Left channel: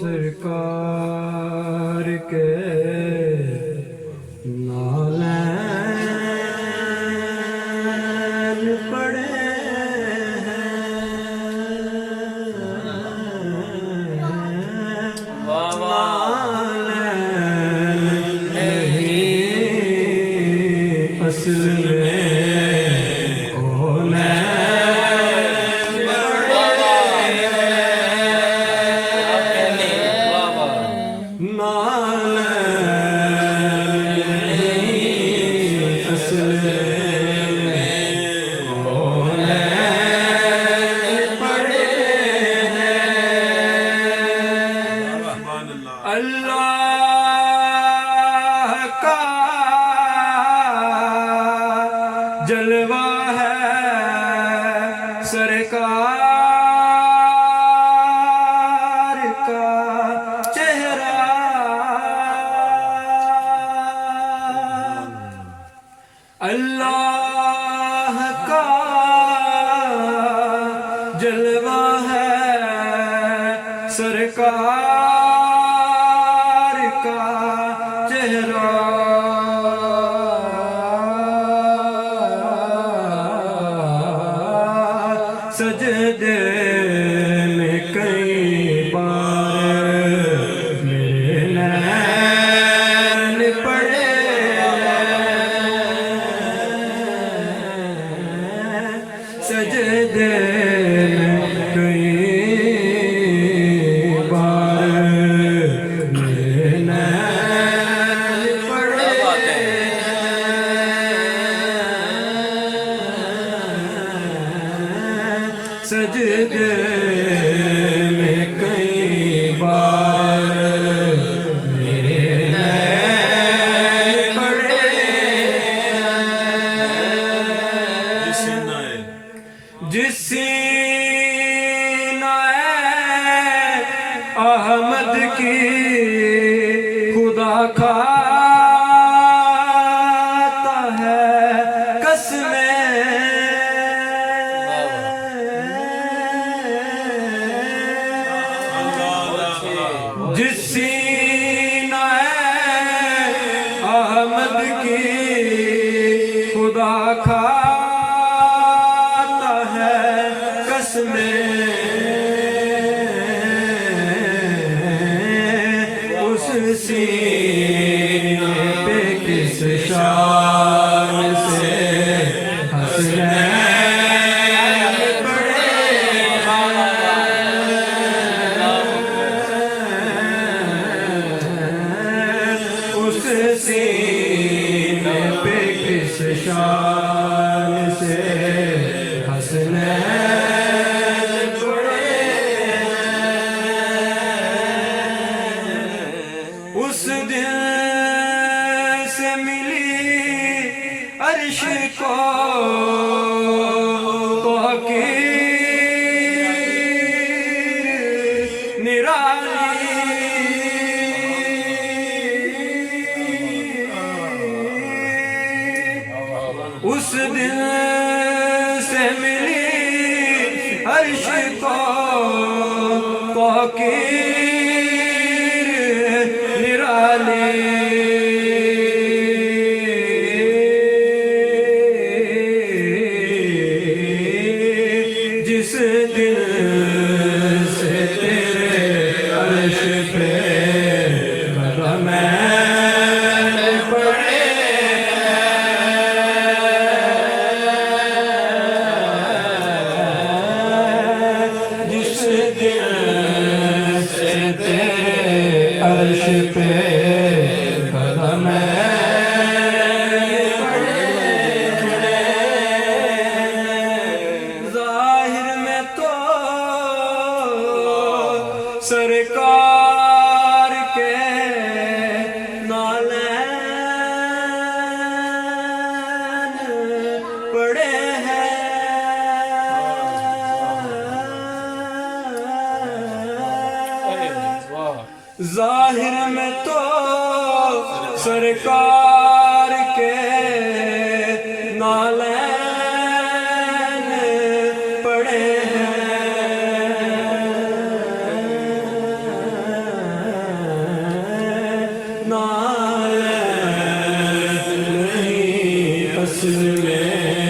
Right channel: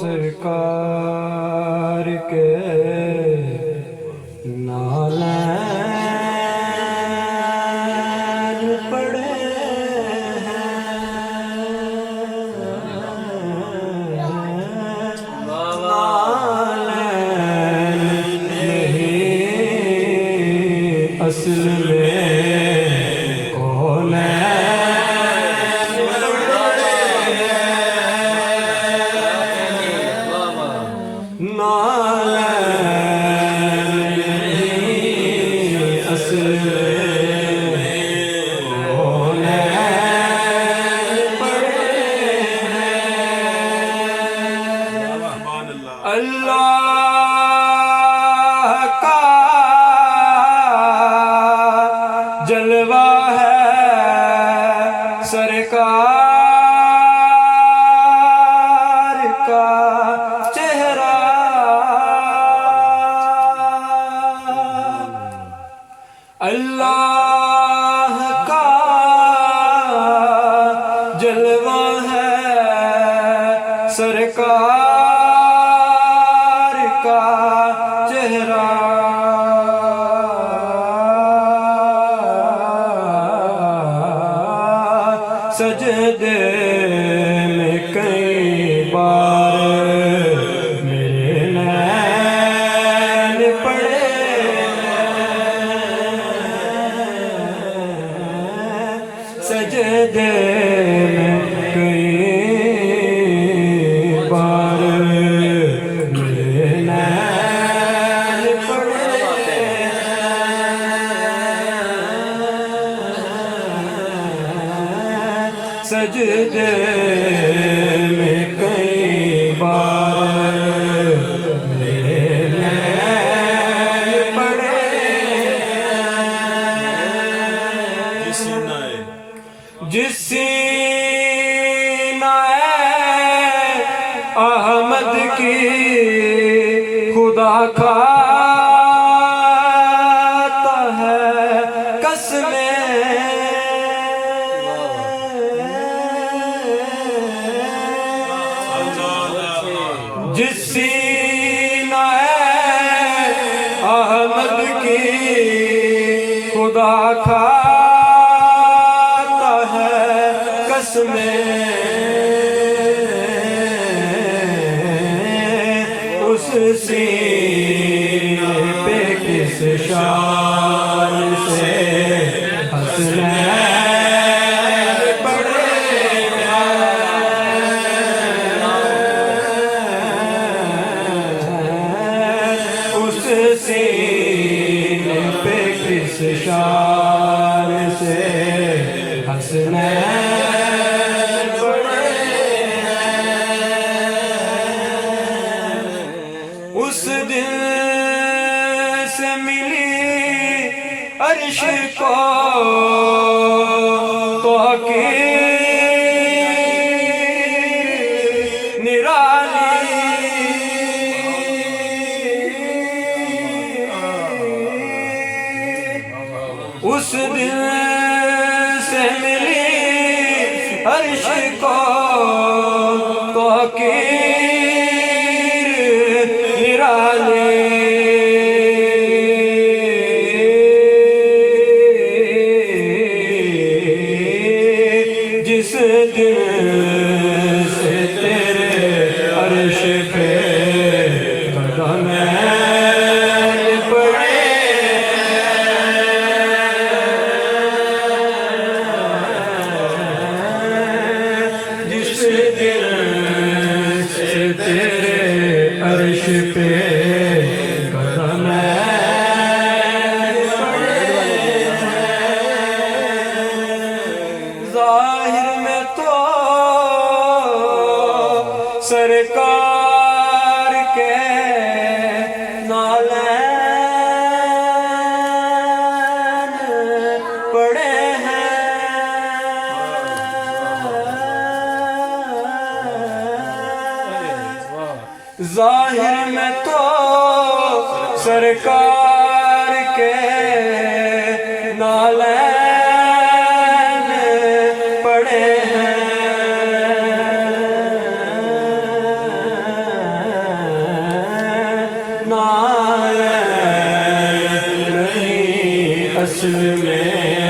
سرکار کے نالین پڑے ہیں، نالین نہیں اصل میں اللہ کا جلوہ ہے سرکار کا چہرہ، اللہ کا جلوہ ہے سرکار کا چہرہ، سجدے میں کئی بار میرے نین پڑے، سجدے میں کئی بار میرے نین پڑے، سجدے میں کئی بار میرے نین پڑے، جس سینہ احمد کی خدا کھاتا ہے قسمیں، جس سینہ احمد کی خدا کھاتا ہے قسمیں، اس سینے پہ کس شان سے حسنین پڑے ہیں، اس سینے پہ کس شان سے حسنین پڑے ہیں، اس دن سے ملی عرش کو توقیر نرالی، اس دن سے ملی عرش کو توقیر نرالی، جس دن سے تیرے عرش پہ قدمین پڑے، جس دن سے تیرے عرش پہ قدمین پڑے، ظاہر میں تو سرکار کے نالین پڑے ہیں، ظاہر میں تو سرکار کے نالین پڑے ہیں، نہیں اصل میں